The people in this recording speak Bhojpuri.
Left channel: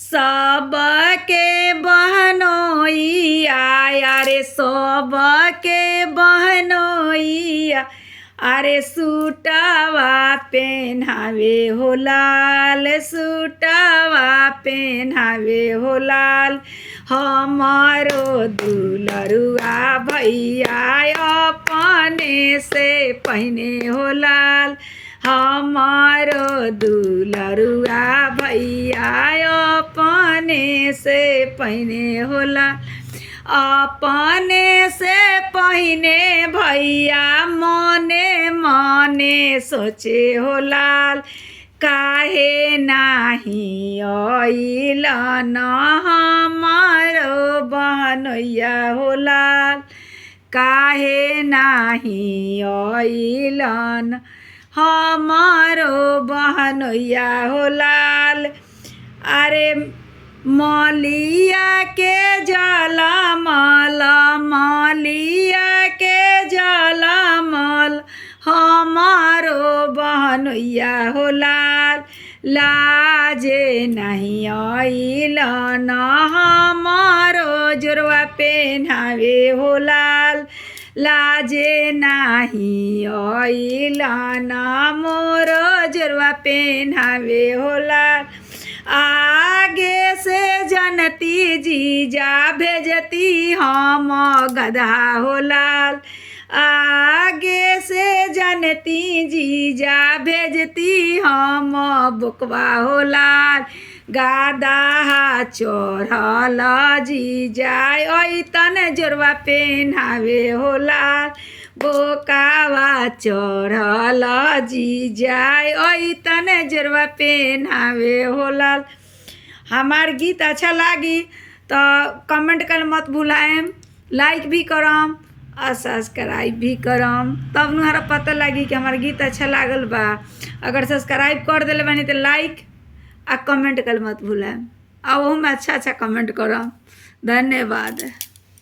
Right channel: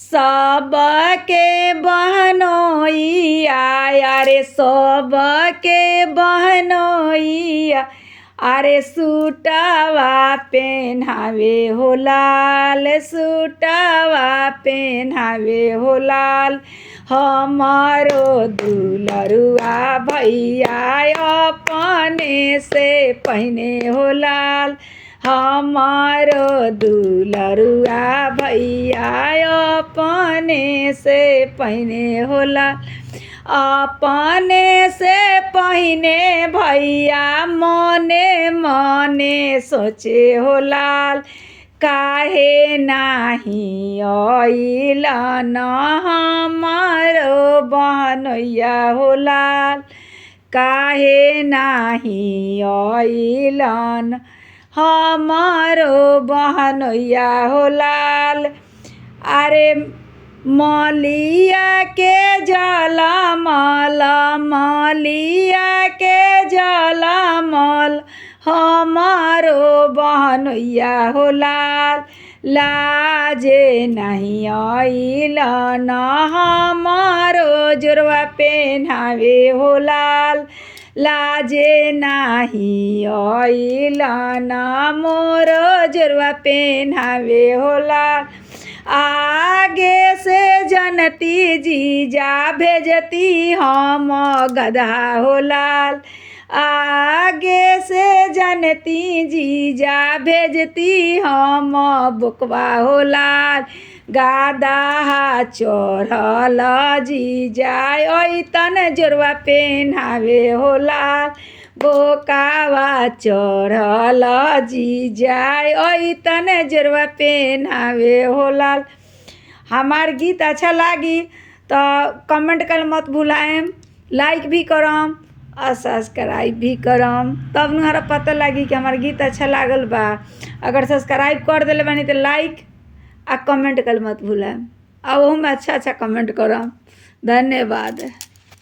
सबके बहनोइया अरे सबके बहनोइया अरे सूटवा पेन्हावे हो लाल सूटवा पेन्हावे हो लाल हमारो दुलरुआ भैया अपने से पहने हो लाल हमारो दुलरुआ भैया अपने से पहने हो लाल अपने से पहने भैया मने मने सोचे हो लाल काहे नाही अइलन हमारो बहनोइया हो लाल काहे नाही अइलन हमारो बहनोइया हो लाल अरे मलिया के जलमल मलिया के जलमल हमारो बहनोइया हो लाल लाजे नहीं अइलन हमारो जोरवा पेन्हावे हो लाल लाजे नाही अइलन मोरो जोरवा पेन्हावे हो लाल आगे से जनती जीजा भेजती हम गधा हो लाल आगे से जनती जीजा भेजती हम बुकवा हो लाल गादा चढ़ल जीजा ऐतन जोरवा पेन्हावे हो लाल बोकावा चढ़ल जीजा ऐतन जोरवा पेन्हावे हो लाल। हमार गीत अच्छा लागी तो कमेंट कर मत भुलाएम लाइक भी करम और सब्सक्राइब भी करम तब हमारा पता लगी कि हमार गीत अच्छा लागल बा। अगर सब्सक्राइब कर दिले बानी तो लाइक आ कमेंट कर मत भुलाएम और में अच्छा अच्छा कमेंट करम। धन्यवाद।